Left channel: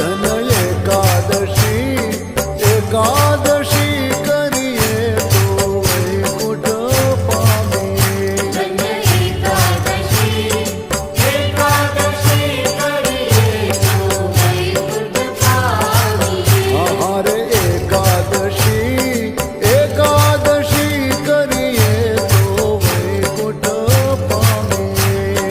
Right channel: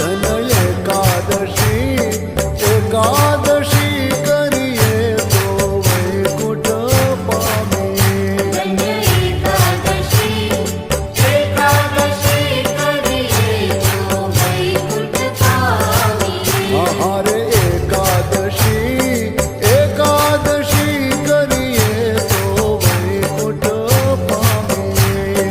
ધન એકાદશી એકાદશી કરીએ તો વૈકુંઠ પામીએ હારે એકાદશી એકાદશી કરીએ તો વૈકુંઠ પામીએ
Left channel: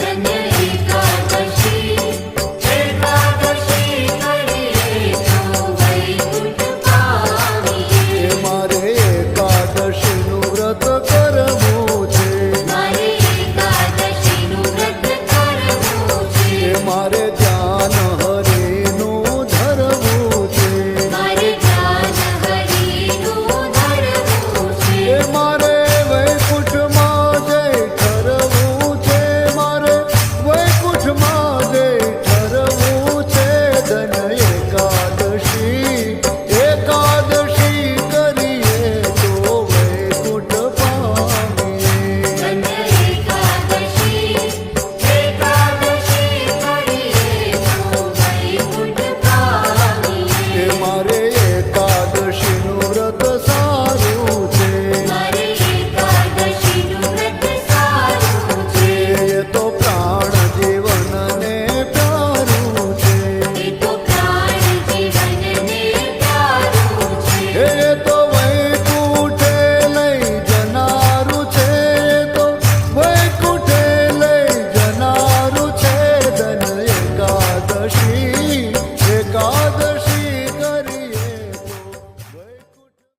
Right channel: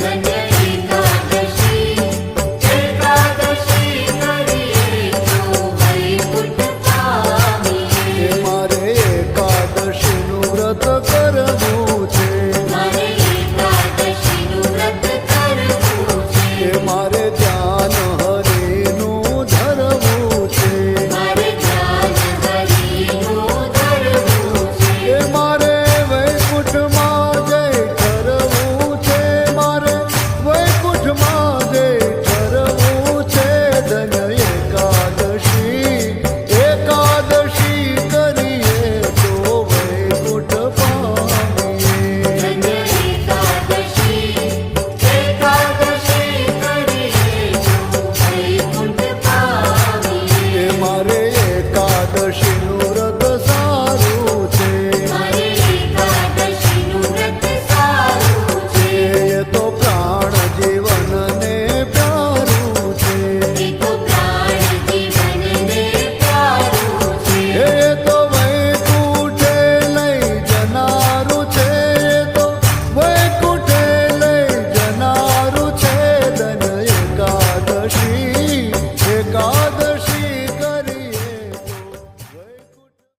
મારે એકાદશીનું વ્રત કરવું છે મારે ધ્યાન